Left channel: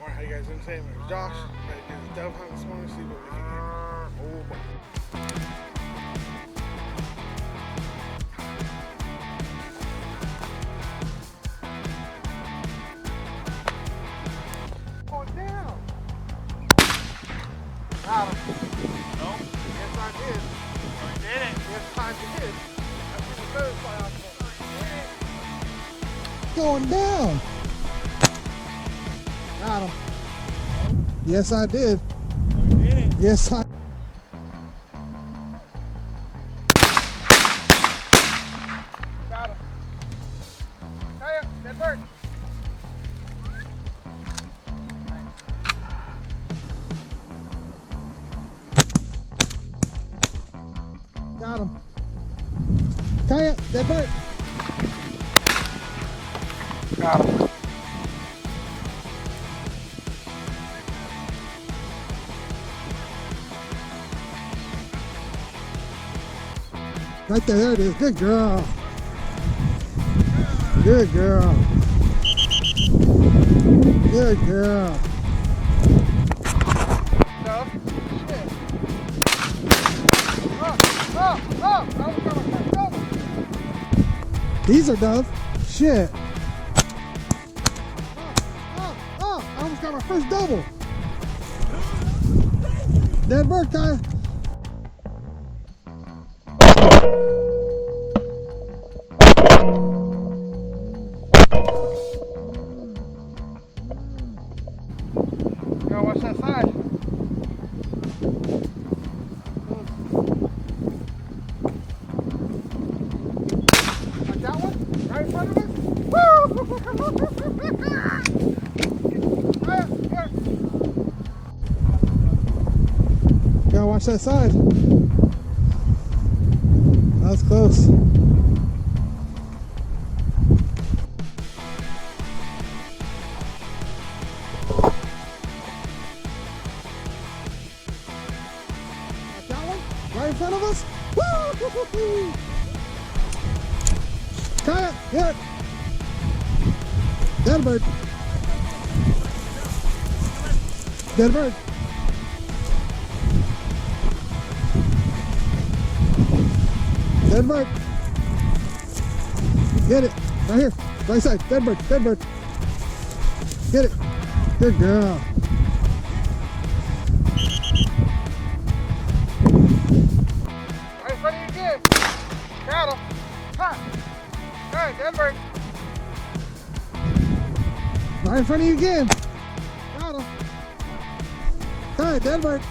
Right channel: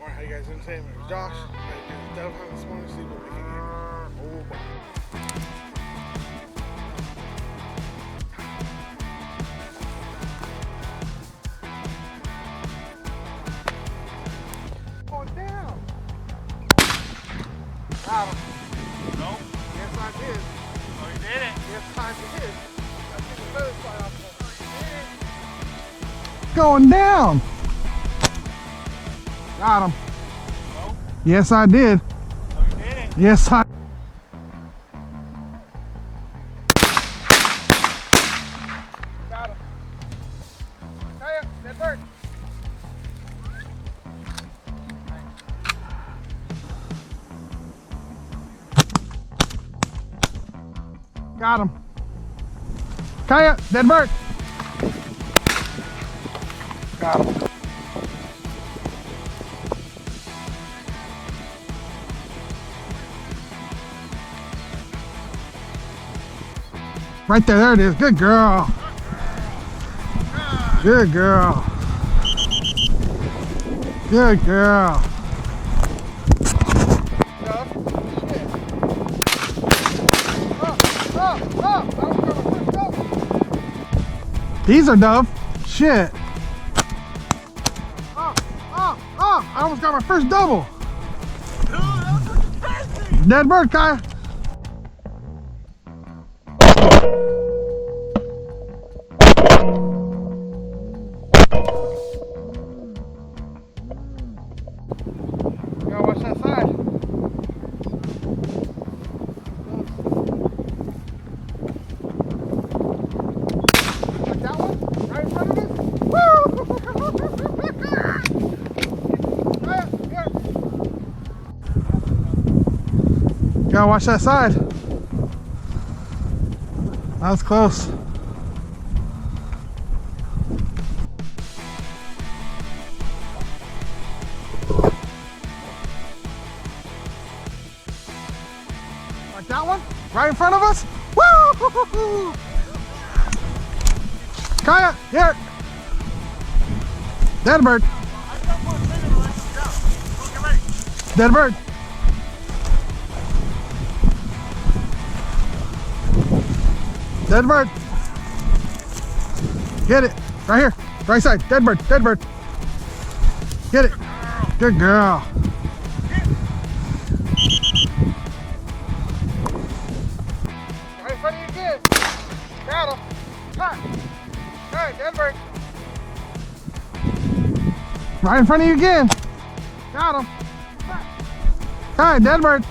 Alright, how you guys doing today? My name is Josh. I'm ready to do the dove hunt this morning, see what we can get. Oh boy. Going down. Got him. No? Yes, I did. Oh, you did it. Yes, I did. I see the feathers fly off. Oh, you did it. Going down. Got him. No? Yes, I did. Oh, you did it. Yes, I. Got him. Hey, that bird. Got him. Kaya, dead bird. Got him. Right there, there it is. Good girl. Good girl. Good girl. Dove. Shit. Oh, that was my first dove. These are dove. Shit. I almost got my first double. Dude, that was crazy. Dead bird, Kaya. You gotta watch that side. Like that one? Right in front of us? Woo! Here. Gotta watch that side. That was close. Like that one? Right in front of us? Woo! Kaya, here. Dead bird. Dead bird. Dead bird. Get it. Right here. Right side. Dead bird. Dead bird. Get it. Good girl. Right in front of you again. Got him. Cut. Hey, dead bird. Right in front of you again. Got him. Hi, dead bird.